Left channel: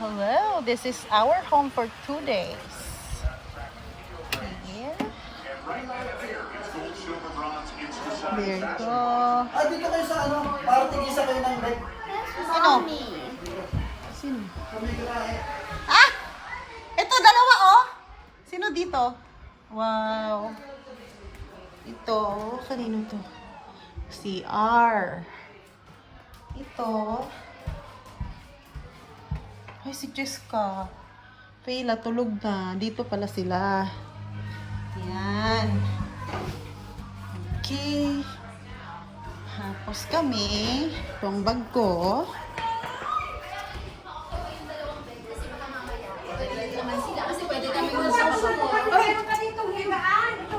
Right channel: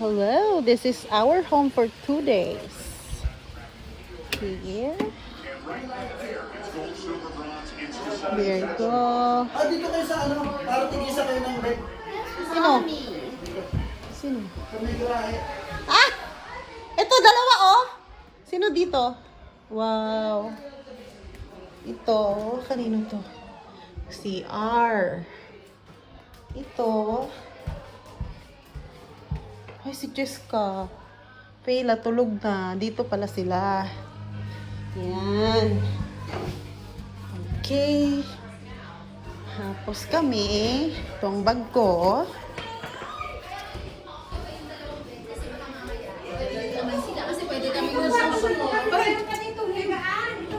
Hello, this is our home for 2 days. Here. There you go. Ah, dito kayo sa ano, para tigisa kayo ng bed. Sino? Sino? Kami grahe. Ah! Ito, dalawa oh! Sino dito? Wow. Ito, kanino to? CR. Ito. Ay, si Jessica. Payla, tulog na. Dito pala sila. Yan. Okay. Tapos kami, itong bag ko.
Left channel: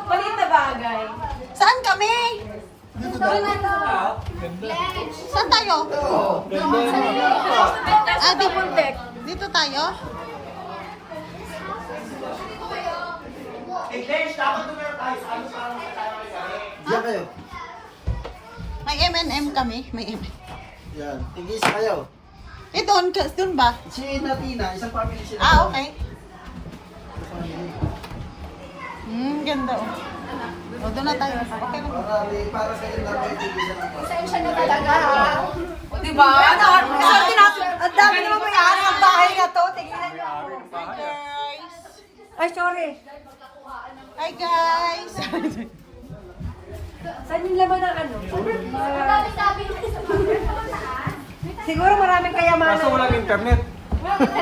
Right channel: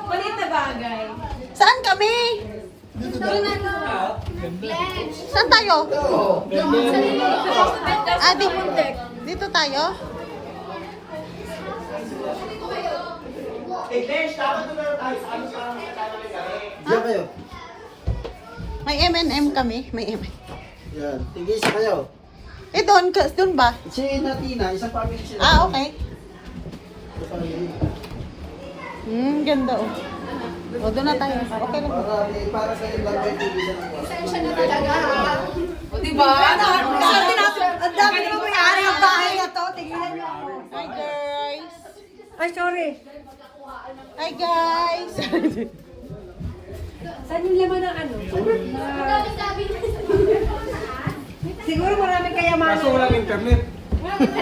Palit na bagay. Saan kami? Saan tayo? Ah, dito tayo? Diyan kayo. May M&M kami. May M&M. Yan, tigisa kayo. Eh, doon ba? Si Natina, isang family sila. Ah, okay. Ganda. O, doon na tayo. Okay. Para kayo lang kayo tigisa ng Pasensya na talaga ha. O diba? Ang dami naman may-ari ang bahay na to. Tigilan mo. Hi, guys. Ay, sorry. Hi, guys. Saan yung laman ng ano? Siguro maraming kayamanan. Kaso walang internet.